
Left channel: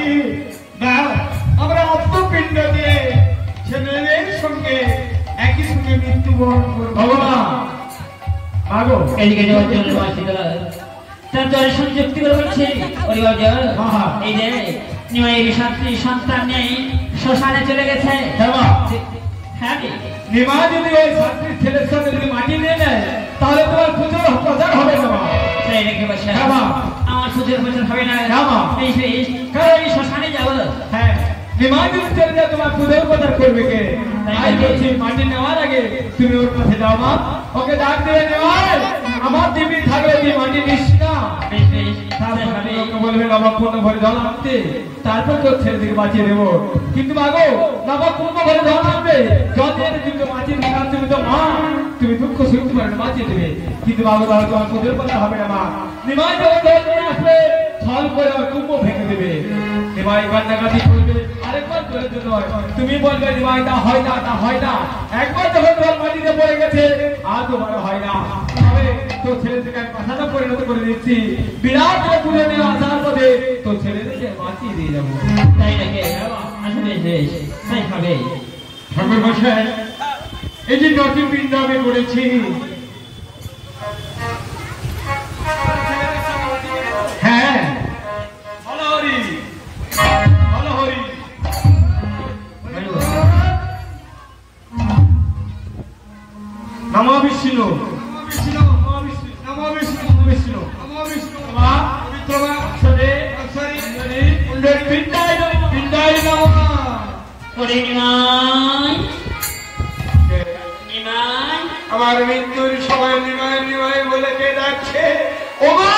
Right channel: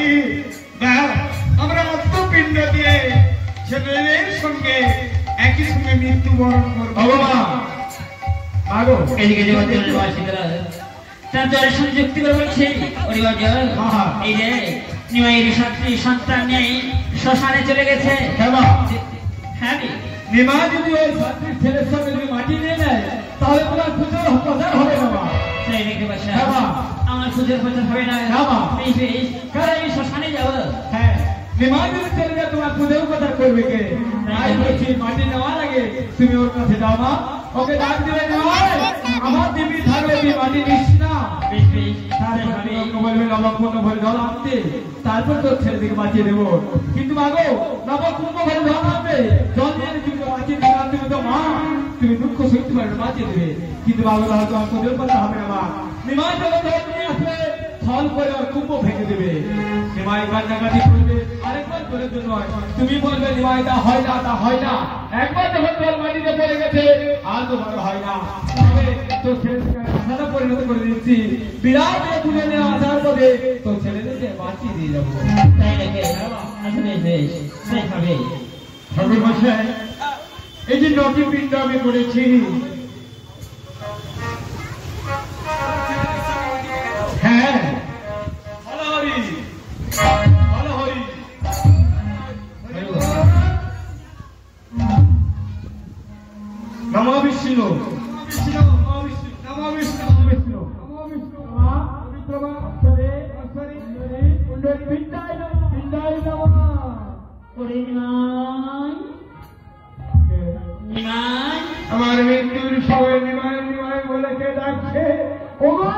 না, আমরা আত্মপিণ্ড দিয়ে ছেলেদের সঙ্গে একই সঙ্গে মৃত্যুবরণ করবো। ভগবান আগো এদিকে যাওয়া চলে বাসিকরা তার জয় সংযুক্তি করে বলছে, ওরে বাবা, হ্যাঁ। এই যে নিমাইয়ের ছাত্রী সন্তান নেই, শ্মশানে চলে গেছে। হ্যাঁ রে, নিমা যদি ওই ছাত্রীর ছেলের সঙ্গে যদি মাটি নিয়ে নেয়, তাহলে তোমার পুজোর প্রচার হবে না মা। তাই রেখে বসে হ্যাঁ মা। আমার পুজোর বছর হবে না। হ্যাঁ মা। বেশ বেশ, কারণ আমি শ্মশানে যাবো। হ্যাঁ, নিমা যদি চলে যায় তোমার পুজোর প্রচার করবে কে? তাই বলছি মাটি নেওয়ার আগে তুমি ওর কাছে যাও মা, ওকে ডাক দিয়ে নেওয়ার আমার দিবি থাকলে তুই মাটি নিস না। বেশ বেশ, তারপর তুমি ওকে বলবে নবাব পূর্ণ ভরে জল আনতে, তারপর তোর ছেলেদিকে বাঁচিয়ে দেবো। কিন্তু মাগো, নবাব পূর্ণ ভরে জল আনবে, জল দিয়ে তুমি তো বাঁচিয়ে দেবে, তুমি তো মা, তুমি দুঃখ সইতে পারবে, বাঁচিয়ে দেবে। কিন্তু মাগো বাবা, তোমার তোদের কথা হবে না মা। নিমাই যখন জল নিয়ে আসবে, ফল করে আর কুম্ভ ফেঁকে দেবে। নিমাই কান্নাকাটি করবে, আরেকবার করে দিতে হয়। তুমি বলবে নিমাই তা হয় না, তা হয় না। একবার যখন জল মাটিতে পড়ে গেছে, আর তো ভালো হয় না। তবে তোর ছেলে থেকে আশাটা পরিণত করে দিচ্ছি, বিরাট পুজো নিয়ে আসার পথে তোর ছেলেদেরকে বাঁচিয়ে দিয়ে যাবো। তাই নাকি? আচ্ছা বেশ বেশ, তাই হবে। ঠাকুর মশাই, এই যে নটি পিণ্ড আমি করেছি, হ্যাঁ, ভালো হরি, ভালো হরি। নমো বিষ্ণু, বিষ্ণু, মহাবিষ্ণু, নমো বিষ্ণু, নমো বিষ্ণু, নমো বিষ্ণু, মা, বিদ্যমা, অক্ষরে, অক্ষরে, কুণ্ডলী, পিণ্ডায় নমঃ, পিণ্ডায় নমঃ। ওরে নিমাই, নিমাই, আমার মৃত্যুর সময় নিমায় নিমায় বলে কে ডাকছে? ও মা!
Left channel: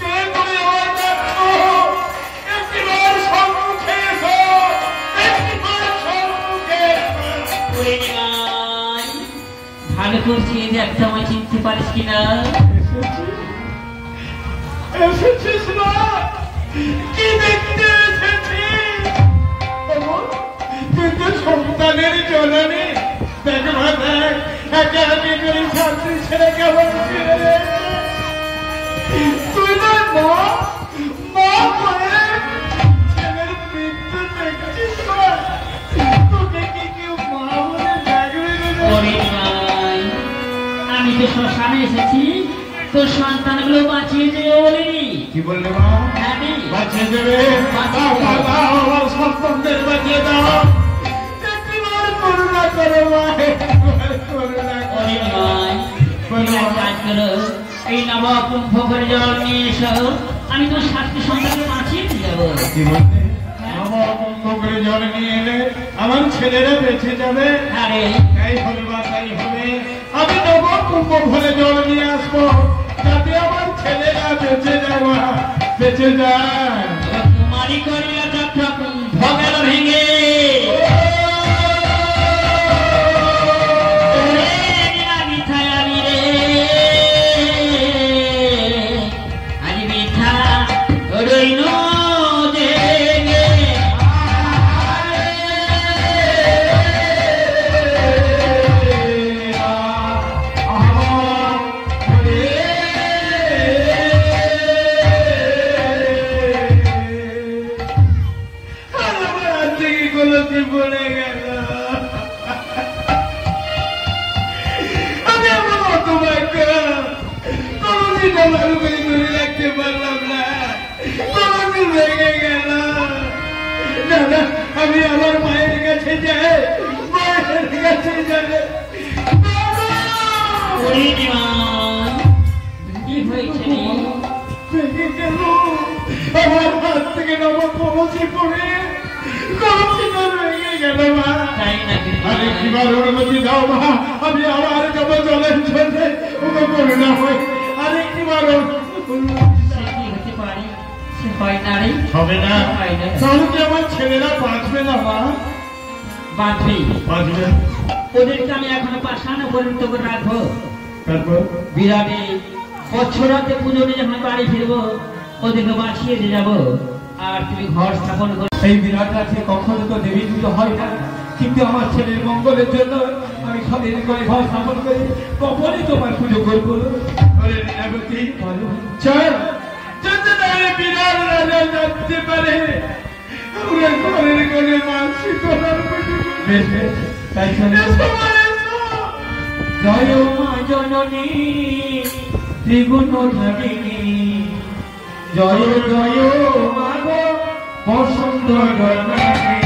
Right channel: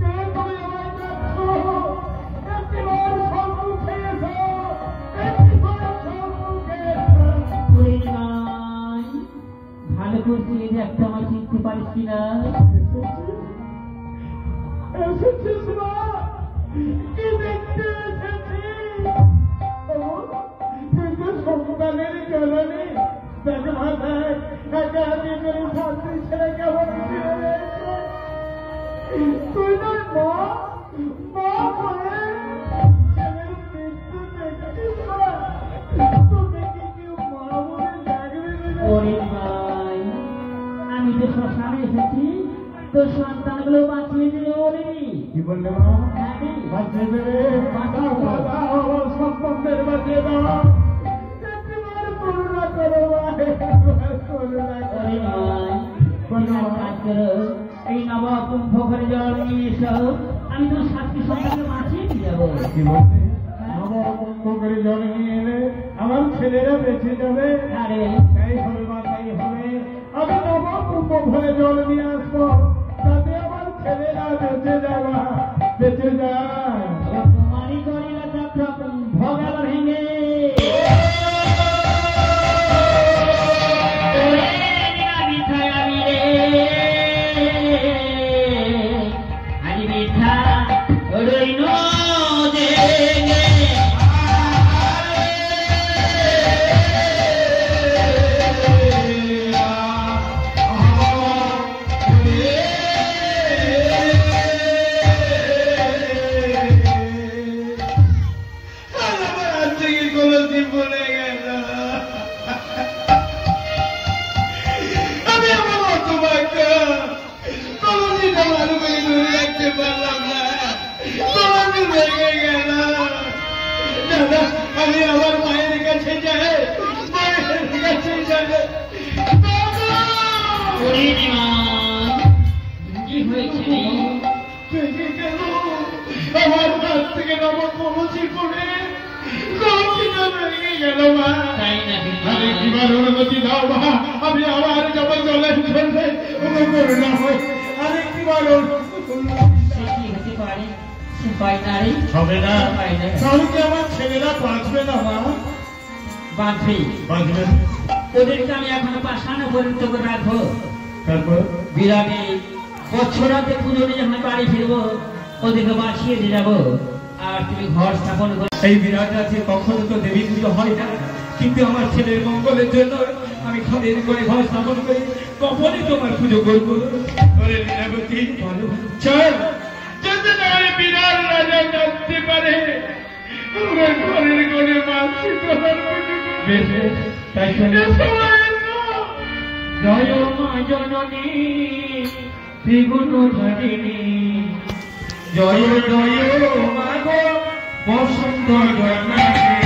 কে তুমি আমার ডাকছো? একটিবার সম্মুখে এসো, একটিবার সম্মুখে এসো। ওরে নিমাই, ভালো করছি যে একটা আমায় চিনতে পারিস কিনা? এসেছিস মা? কি দেখতে এসেছিস? ওগো, তুই তো সন্তানের জননী। দেখ মা, দেখ, একে একে করে ছাত্রী ছেলে কেমন ছেড়ে রয়েছে। তুই না মা, মা বলে ছেলের মৃত্যু দেখছিস মা? তোকে কি কেউ মা বলে ডাকবে না? ওরে নিমাই, আমি তো শ্মশানে এসেছি তোর সন্তানগুলো বাঁচিয়ে দেবে বলিনি। কি বললি মা? আমি বাঁচিয়ে দেবে? বাঁচিয়ে দেবে। দাও, দাও, আমার সন্তানদের বাঁচিয়ে দাও। একটিবার করুণা করো মা, একটিবার করুণা করো। ওরে নিমাই, তুমি এক কাজ করো, এই নবাব কুম্ভ করে জল নিয়ে এসো, আমি তোর সাতটি সন্তানকে বাঁচিয়ে দিয়ে যাবো। কি বলতে? আমার কুম্ভ করে জল নিয়ে এলে আমার ছেলেরা বেঁচে যাবে। আরে তাই হবে বা তাই হবে। আমি নব কুম্ভ ভরে জল হয়েছে ওরে দেওয়া কি হয়েছে ভেঙে গেল আমার হাত থেকে নবম পৌঁছে পড়ে কলসিটা ভেঙে গেল মা তাই নাকি আরে কিবার অনুমতি দাও মা আমি আমার যাবো জলের ঝোলে করে না হয় আরে কিবার সে কি হতে পারে সে হয় না রে হবে না হয় না তাহলে কি আমার ছেলেরা বাঁচবে না মা বাঁচবে বাঁচবে ওদেরকে আমি এখন পাশানো পর্যন্ত করে রাখবো তারপর বিরামে বছরাতে পুজো নিয়ে আমি বাড়ি ফিরবো ওদেরকে বাঁচিয়ে দিয়ে যাবো আর তুমি ঘর স্থাপন করো এই বিরাট রাজ্যে কখনো তো দেবী পুজো হয় না, কিন্তু আমার ছেলের মঙ্গলের জন্য আমি ঘরের করে ঘর স্থাপন করি, কখনই তোমার পুজো করবো। ওরে লীলাবতী চল যদি নাহলে বিরাট রাজা জানতে পারে আমরা ঘরের করে মাসি তোলার বেশ বেশ, তাই চলো। জয় মা জননী ত্রিগুণ ধারিণী, জয় জয় মা গো বসন্ত জননী।